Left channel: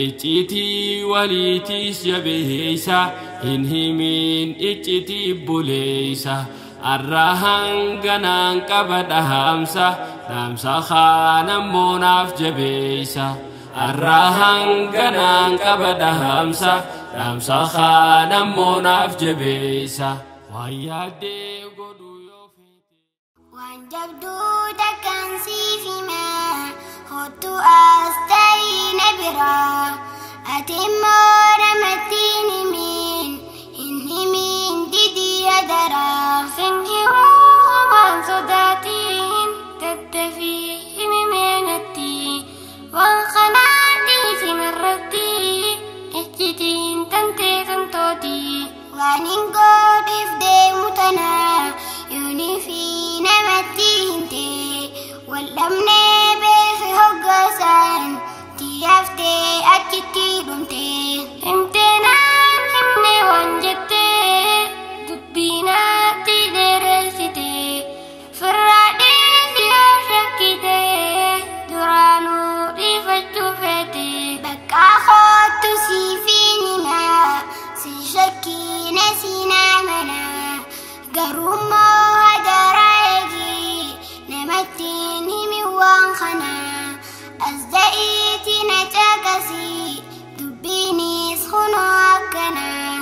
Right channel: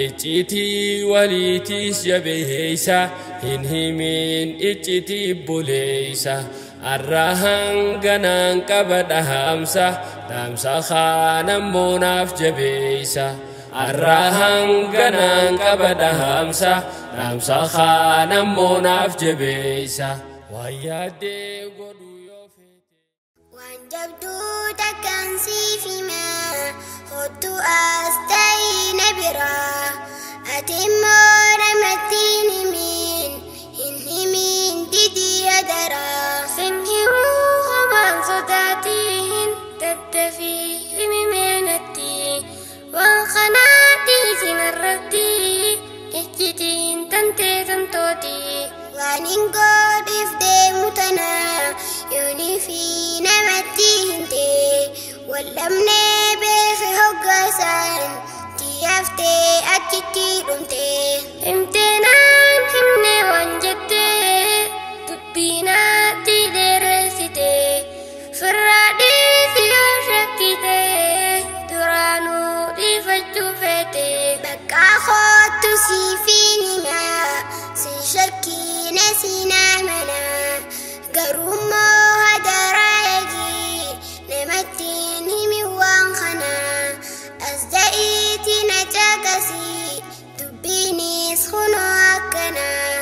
icciitii waliitiis jabeeysa hin himin icciitii buleeysa arrahan ganaan qaba dhahamsa dhaamsa khaanammoo naaf jabeeysa arrahan ganaan qaba dhahamsa dhaamsa khaanammoo naaf jabeeysa waan yaaddee godhu yoo feete waan jabduu takkaan siif himaa hottu as ta'ii na biraa ati immoo namatti hin himin didii adaraa sin himuu homaan sodaatiin tattafii himimeenatti waan kanaa dhiisin irratti icciitiin tantee tantooti waan hin godhiif deemu tanaa yoonii fi namatti himte waldhabnee beefi hoggaasaan tiyaaftee achitti dhumte himteenaan himne waan jettee dubbinaatti dheeressite firraa dhiisi yoo shakkite duraanuu dhiifachuu feete baqqaa hoottu siifiin himaa si shakkiina siinaa manaa garummoo hadaraa eegii namattiin himi waan kanaa as da'iitii na caqasii dubbiinis kunoo akkanaa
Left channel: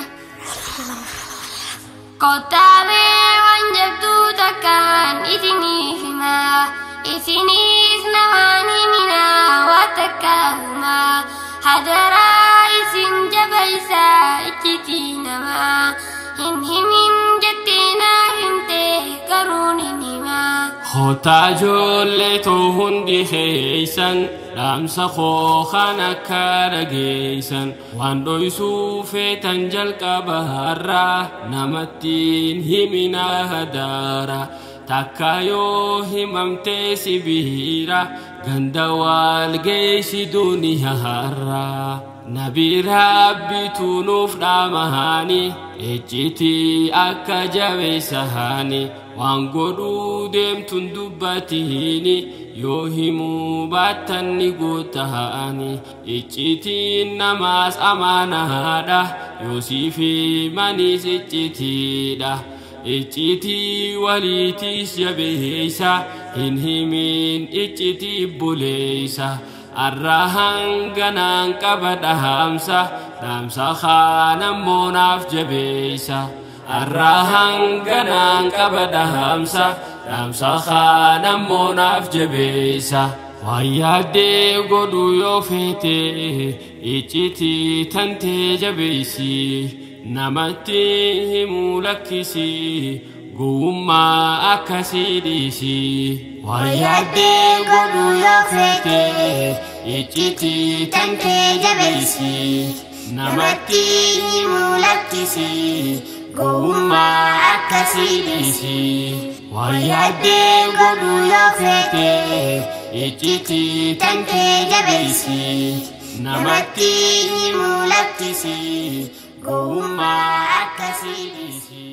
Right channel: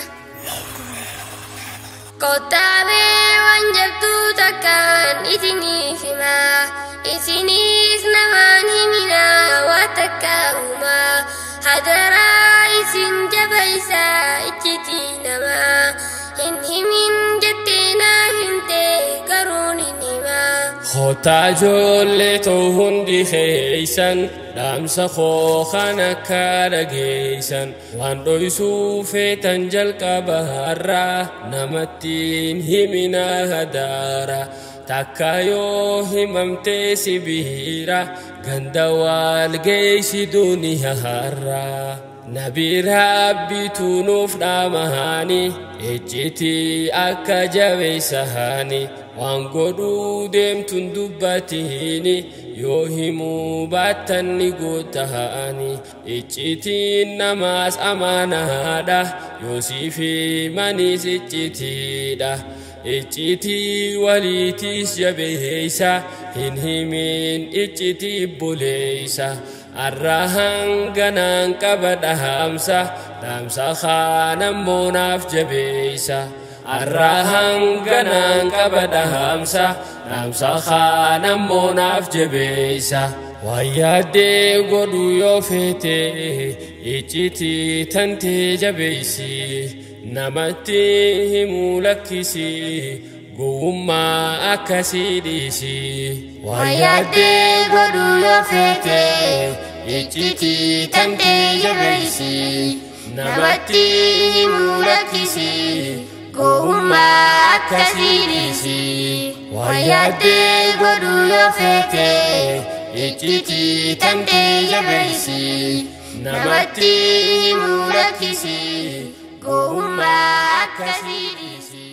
kottaabee waan jabduu takkaan isiniif himaa isinis namaan himinaa waa takkaahumaa hadaraa isin jabaysaa icciitii namaa hin himin jettee naa himte garuun hin himaa Khotaa ijoollee too hundi keeysan dhaamsa koo kan akka dhageeysan waan dhoysuu feetan jalqabarraa namattiin himinaa hadaara takka yoo himamtee sibiira ganda wal geeysi duniyaarraa nabi rabbitu nuuf dhaamahani icciitii akka jabeeysahani waan godhuu deemtun dubbatihini yoo himuu baattan ni guutahani icciitiin namaas amaanaadha yoo siif himanis iccitiidha icciitii waliitiis jabeeysa hin himin icciitii buleeysa arrahan ganaan qaba dhahamsa dhaamsa khaanammoo naaf jabeeysa arrahan ganaan qaba dhahamsa dhaamsa khaanammoo naaf jabeeysa waan yaaddee godhu yoo feete icciitii tantee jabeeysi namatti himuu lakkisi gowwummaa akkasii dhiisi waan yaaddee godhu yoo feete icciitii tantee jabeeysi namatti himuu lakkisi gowwummaa akkasii dhiisi waan yaaddee godhu yoo feete icciitii tantee jabeeysi namatti himuu lakkisi gowwummaa akkasii dhiisi